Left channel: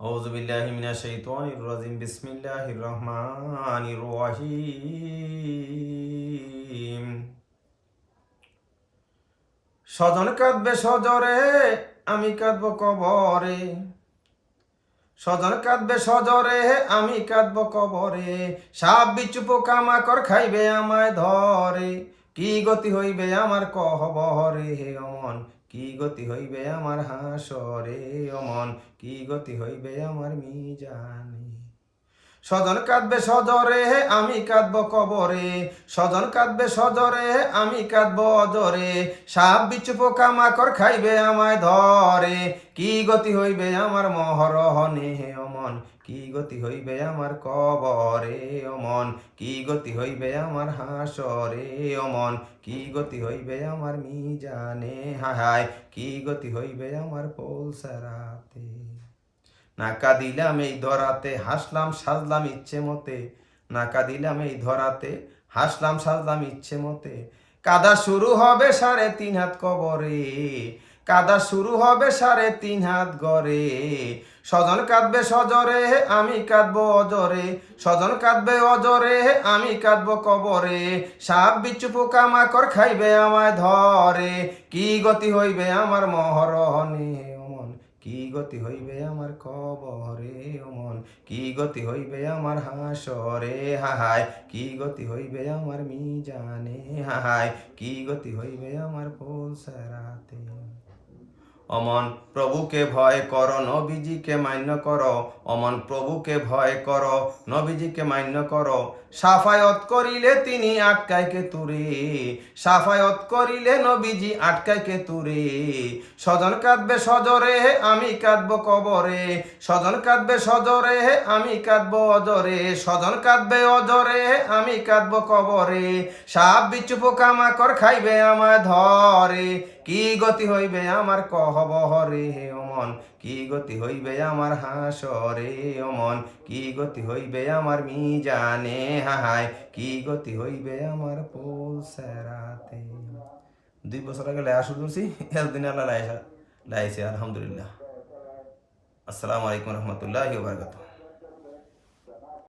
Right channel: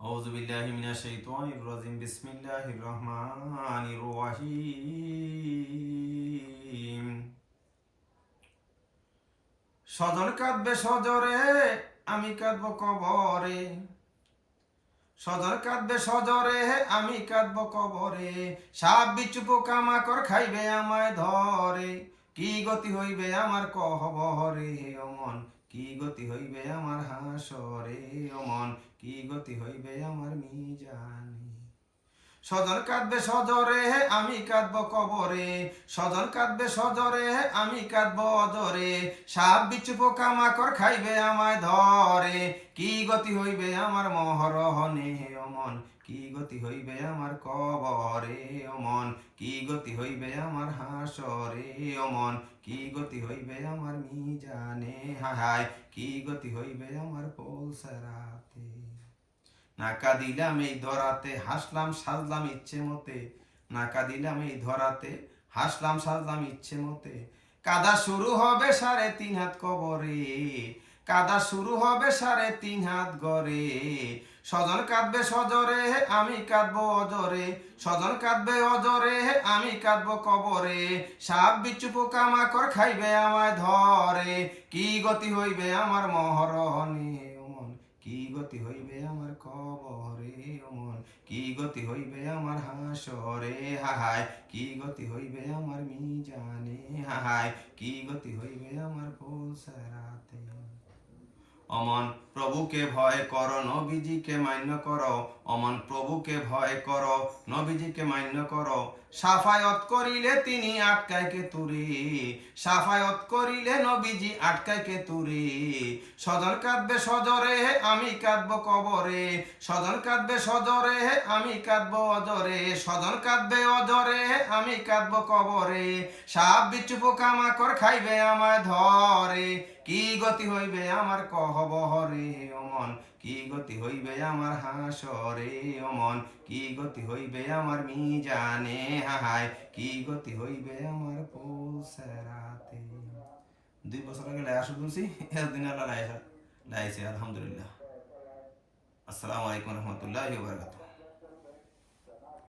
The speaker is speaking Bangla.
আউযু বিল্লাহি মিনাশ শাইতানির রাজিম। বিসমিল্লাহির রহমানির রহিম। স্বজন কাঁদবে সজরে, আমি কাঁদব কবরে। স্বজন কাঁদবে সজরে, আমি কাঁদব কবরে। সাপ বিচ্ছু পোকামাকড় খাইবে আমায় ধরে। কি গতি হইবে আমার কহবরে হে অমন, কি গতি হইবে আমার হাসরে অমন, কি গতি হইবে আমার মিজানে। স্বজন কাঁদবে সজরে, আমি কাঁদব কবরে। স্বজন কাঁদবে সজরে, আমি কাঁদব অজরে। সাপ বিচ্ছু পোকামাকড় খাইবে আমায় ধরে। কি গতি হইবে আমার মহরহনে হে অমন, কি গতি হইবে আমার কবরে অমন, কি গতি হইবে আমার হাসরে অমন, কি গতি হইবে আমার মিজানে হায় হায়, কি গতি হইবে আমার পৌলসারাতে। নাকা দিলাম এই ধরাতে, হাসলাম সাজলাম ইচ্ছে মতে। নাকা দিলাম এই ধরাতে, হাসলাম সাজলাম ইচ্ছে মতে। কাদা শুরু হবে 3.5 হাত কবরে। কাদা শুরু হবে 3.5 হাত গড়ে। স্বজন কাঁদবে সজরে, আমি কাঁদবো অজরে। স্বজন কাঁদবে অজরে, আমি কাঁদবো কবরে। সাপ বিচ্ছু পোকামাকড় খাইবে আমায় ধরে। কি গতি হইবে আমার মহরণে অমন, কি গতি হইবে আমার কবরে অমন, কি গতি হইবে আমার হাসরে হাহায়, কি গতি হইবে আমার মিজানে হাহায়, কি গতি হইবে আমার পৌলসারাতে। অমন প্রভুকে ভয় করো, নবীজিকে মান্য করো। অমন প্রভুকে ভয় করো, নবীজিকে মান্য করো। সাফায়ত করিলে তিনি আটকায় কে তুরে। সাফায়ত করিলে নবীজি আটকায় কে তুরে। স্বজন কাঁদবে সজরে, আমি কাঁদব কবরে। স্বজন কাঁদবে সজরে, আমি কাঁদব অজরে। স্বজন কাঁদবে অজরে, আমি কাঁদব কবরে। সাপ বিচ্ছু পোকামাকড় খাইবে আমায় ধরে। কি গতি হইবে আমার কহবহরে হে অমন, কি গতি হইবে আমার হাসরে অমন, কি গতি হইবে আমার মিজানে হাহায়, কি গতি হইবে আমার পৌলসারাতে। 2 বছর আগে লায়া শুরু করছি, এতদিন আল্লাহ লাইছে আলহামদুলিল্লাহ। আসসালামু আলাইকুম রহমতুল্লাহি ওয়া বারাকাতুহু।